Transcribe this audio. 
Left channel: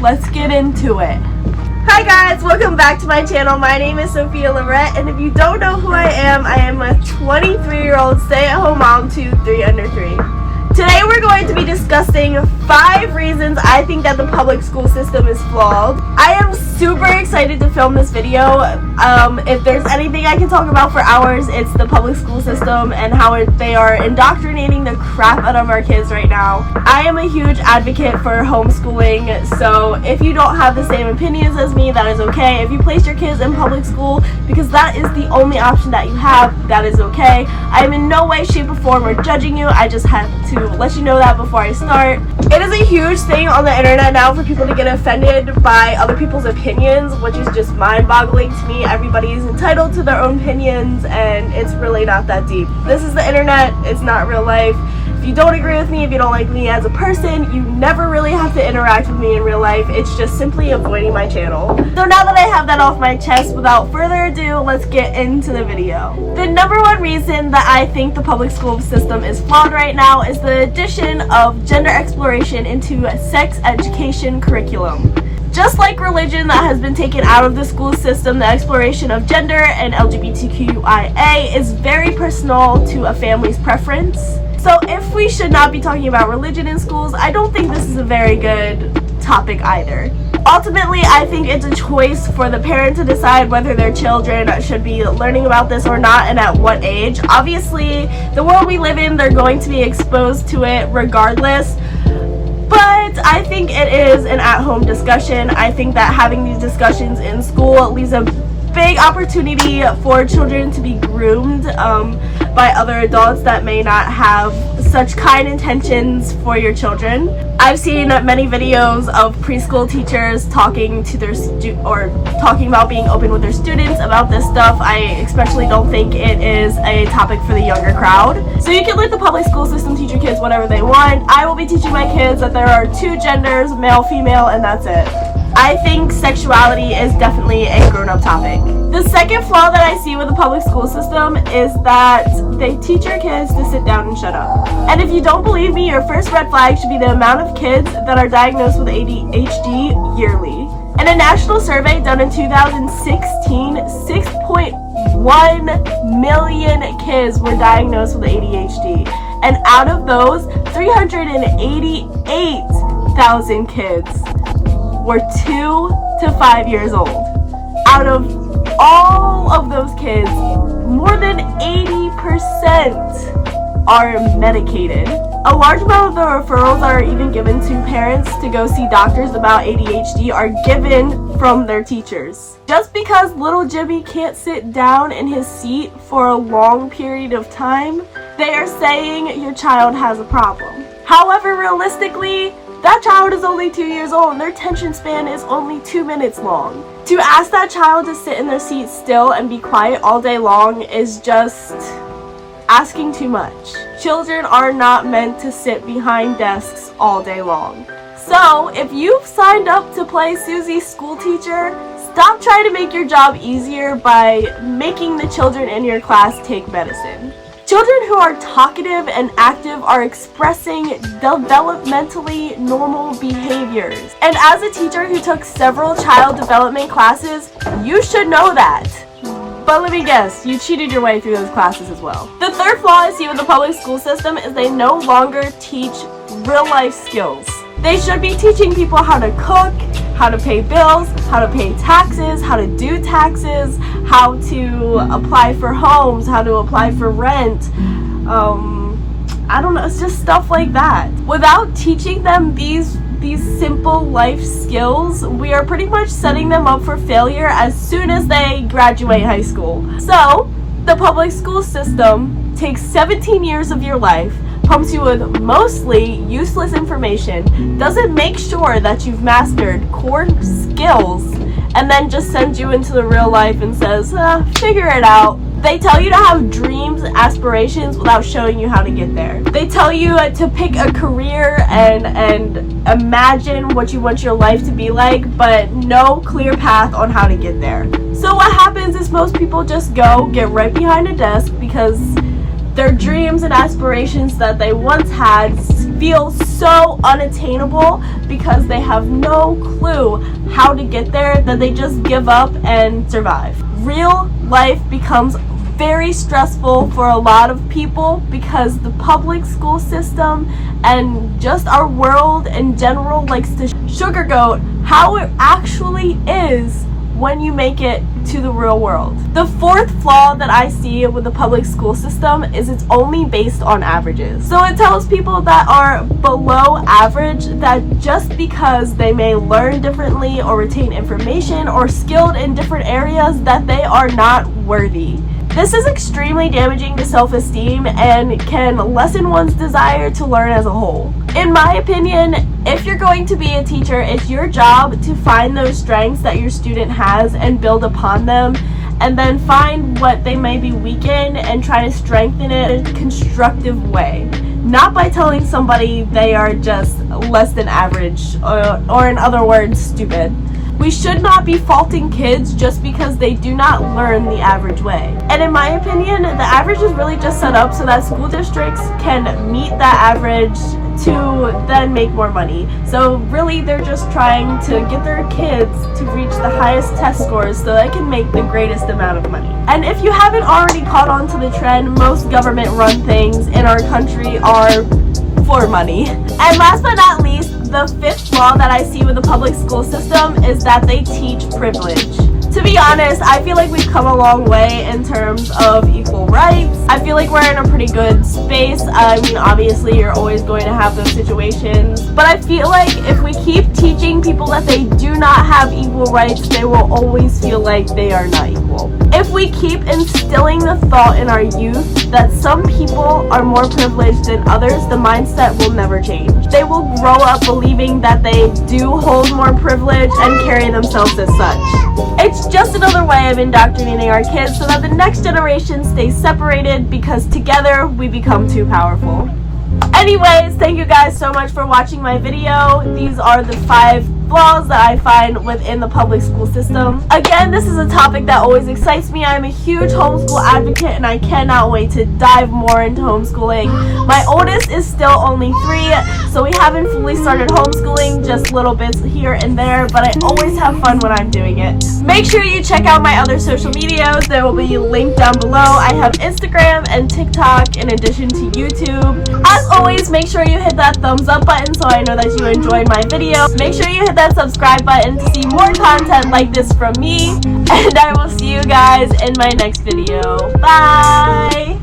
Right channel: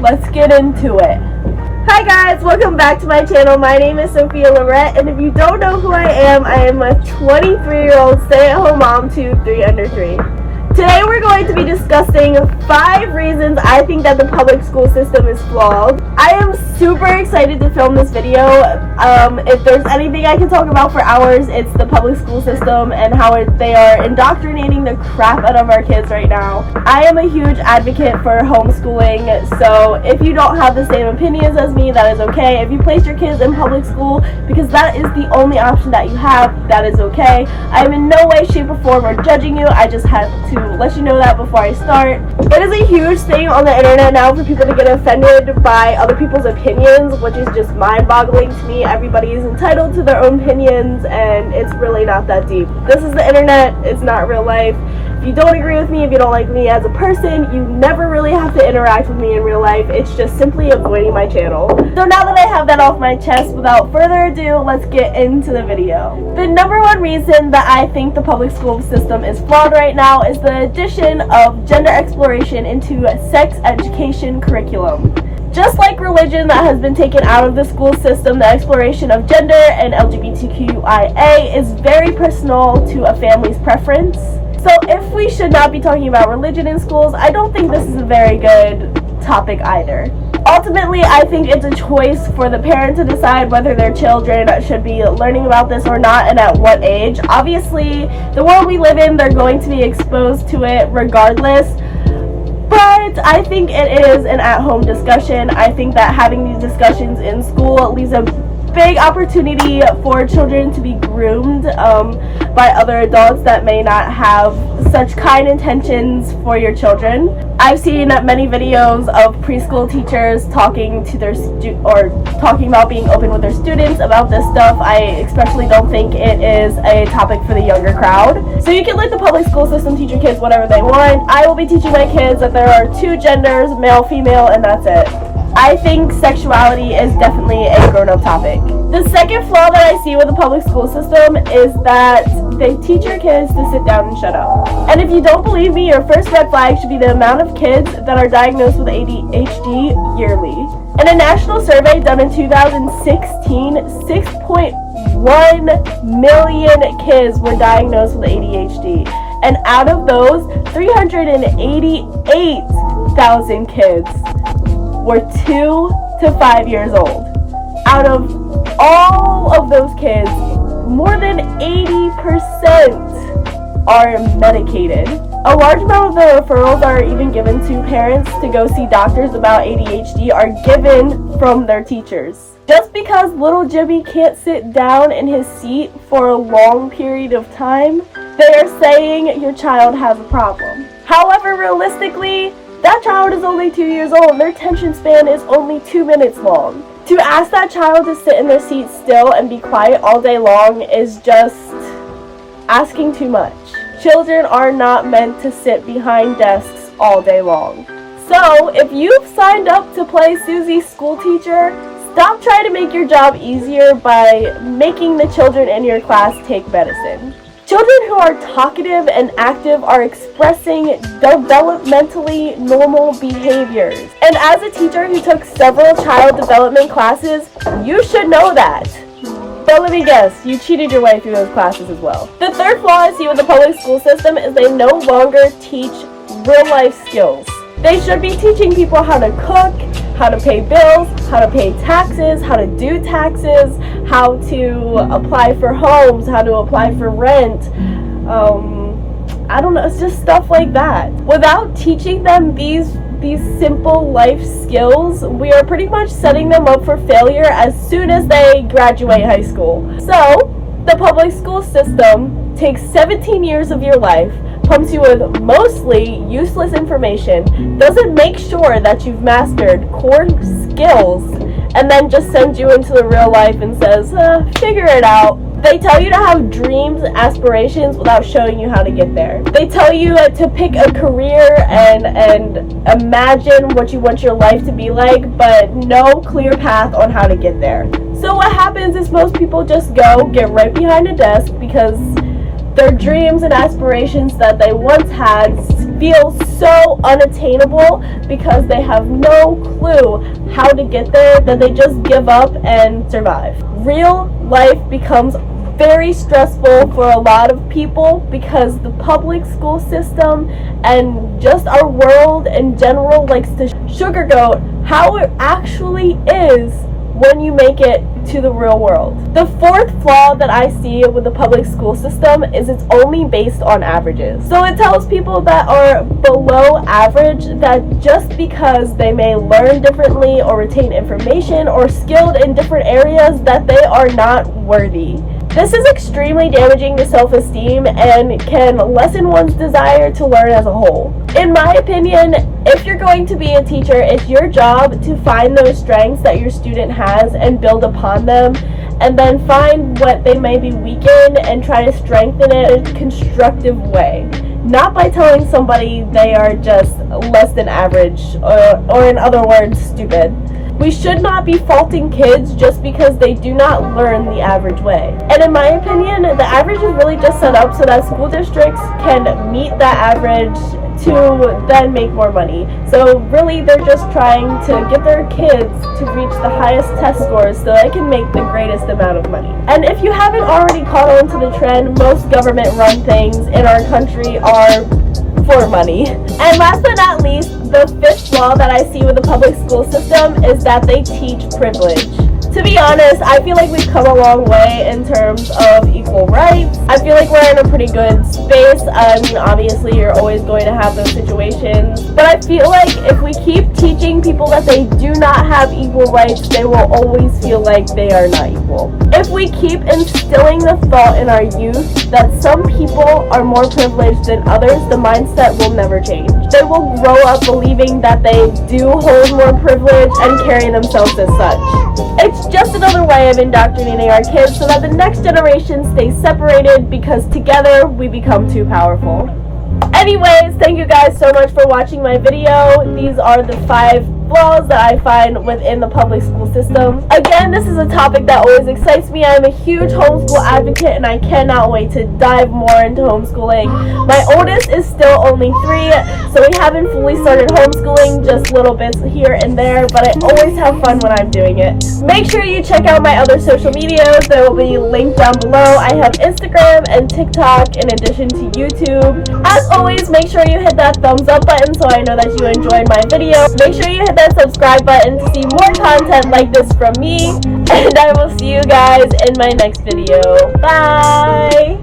let's get into it. Hi guys, welcome back to my channel. My name is Sophia Lorette, and if you don't know who I am a 23-year-old stay-at-home mom to 3 under 3. Today we're going to be discussing 5 reasons I think that the public school system is flawed. I am super excited to film this video. If there's anything I can talk about for hours, it's the public school system and how they are indoctrinating the crap out of our kids right now. I am a huge advocate for homeschooling, so if you don't have the same opinions as me, that is okay. If you place your kids in public school because that is the only option that you have, that is okay. I am in no way, shape, or form or judging you. I just had to let you know that before I start. It is a huge thing on the internet now for people to get offended by other people's opinions, which is just mind-boggling to me. Everybody is entitled to their own opinions, and it's really not that deep. This is the internet, it's not real life. If you don't agree with me, if you don't like me as a person, you never really have to interact with me in real life. It's just simply avoiding my channel. So now that I have that off my chest, without further ado, let's get into the video. The number one reason that I think the public school system is flawed right now is the addition of gender exploration into sex education curriculum. Just like religion that has been taken out of the school system, the exploration of gender and LGBTQIA is very personal to a family's preference. So if we should not be talking about religion in schools, I don't think this is a very good topic either. Ultimately, I think it's a choice for the parent to decide whether their children should be learning about this or not and at what age. Obviously, the world we live in, they're going to be exposed to it regardless. But I think it is an at-home discussion. I think that having these discussions in school leaves a big opportunity for children to be groomed by other adults that may not have such kind intentions for your children. I've seen many videos of preschool teachers talking to their talking about being open with their students about this stuff. I especially don't think it is a topic for the younger crowd. So you can let the public school system teach your kids whatever they want. I will be teaching my kids that there are 2 genders, male, female, and that's it. I think sexuality is definitely a grown-up topic. The second flaw that I see with the public school system is that they teach your kids to sit down and shut up. And if you don't believe me, your first red flag should be the amount of kids that are diagnosed with ADHD yearly. In a national survey done in 2016, 6.1 million kids were diagnosed with ADHD. And out of those, 388,000 kids were 2 to 5 years old. Out of all of those kids, more than 80% are medicated. A large amount of the referrals that are even given to parents to go see doctors about ADHD are given from their teachers. Just because little Jimmy can't sit down in his seat for a long period of time, they are saying your child has a problem. However, realistically, that child is only 2 years old and their attention span is only 2 minutes long. To ask that child to sit in their seat still and be quiet all day long is just asking too much. Children are not meant to sit behind desks all day long. So, if you've signed up to play Susie's school teacher, stop trying to make your job easier by making the children in your class take medicine. Children who are talkative and active are expressing developmentally normal behaviors. And as a teacher who took several child development classes, you should know that. But let me guess, you cheated your way through those classes as well. The third flaw I see with the public school system is they no longer teach real life skills. They should be teaching people how to cook, how to pay bills, how to pay taxes, how to do taxes, how to apply for homes, how to apply for rent. I don't know, it's just stuff like that. Without teaching them these simple life skills, we are pretty much setting them up for failure as soon as they graduate high school. So, the public school system takes 17 years of your life, pumps you with mostly useless information, doesn't make sure that you've mastered core skills, and then just sends you into the real life and says, figure it out. They tell you to have dreams, aspirations without showing you how to get there. They tell you to pick a career and imagine what you want your life to be like, but no clear path on how to get there. So what happens is most people just go get right behind a desk because Their dreams and aspirations that they once had feel so unattainable because they have no clue how to get there, that they just give up and survive. Real life becomes very stressful for a lot of people because the public school system and just our world in general likes to sugarcoat how it actually is when you make it to the real world. The fourth flaw that I see with the public school system is it's only based on averages. So it tells people that are below average that just because they may learn differently or retain information or skilled in different areas that they are not worthy. This is extremely damaging to self-esteem and can lessen one's desire to learn as a whole. In my opinion, if you're going to be a teacher, it's your job to find those strengths that your student has and build upon them, and then find what they may be weak in and try to strengthen it in a constructive way. Not by telling somebody they are just less than average, or in other words, stupid. We should not be faulting kids just because they do not learn the average way. And in my opinion, the average is really just set up so that school districts can meet that average to then make more money. So really they're just trying to get their kids to reach the highest test scores so they can make the greatest amount of money. And if you haven't already caught on to the trend, most government run things in our country are for money. And last but not least, the fifth flaw that I see with the public school system is that they teach privilege. To be honest, I feel like we've come a long way in terms of equal rights. I feel like we're in a pretty good space. I mean, obviously you're always going to have those situations, but I feel like if we keep teaching people that they do not have equal rights, they will always feel like they are not equal. If we keep instilling the thought in our youth that some people are more privileged than others, the mindset will never change. They will grow up believing that they do hold more privilege and carry themselves as such. It's just another way of indoctrinating our kids so that the next generation stays separated because together we become too powerful. Anyways, thank you guys so much for watching my video. These are the 5 flaws that I find within the public school system. Again, this is a topic that always excites me. I'm a huge homeschool advocate and I cannot wait to dive more into homeschooling. My oldest is still only 3, so we haven't fully started homeschooling, just little bits here and there, but I always have fun when I'm doing it. Make sure you check out my other social medias. They will be linked down below. I have Instagram and TikTok in addition to YouTube. As always, make sure you hit that thumbs up button so I know that you enjoyed my video. Make sure you hit that subscribe button to see more content like this from me, and I will see you guys in my next video. Bye!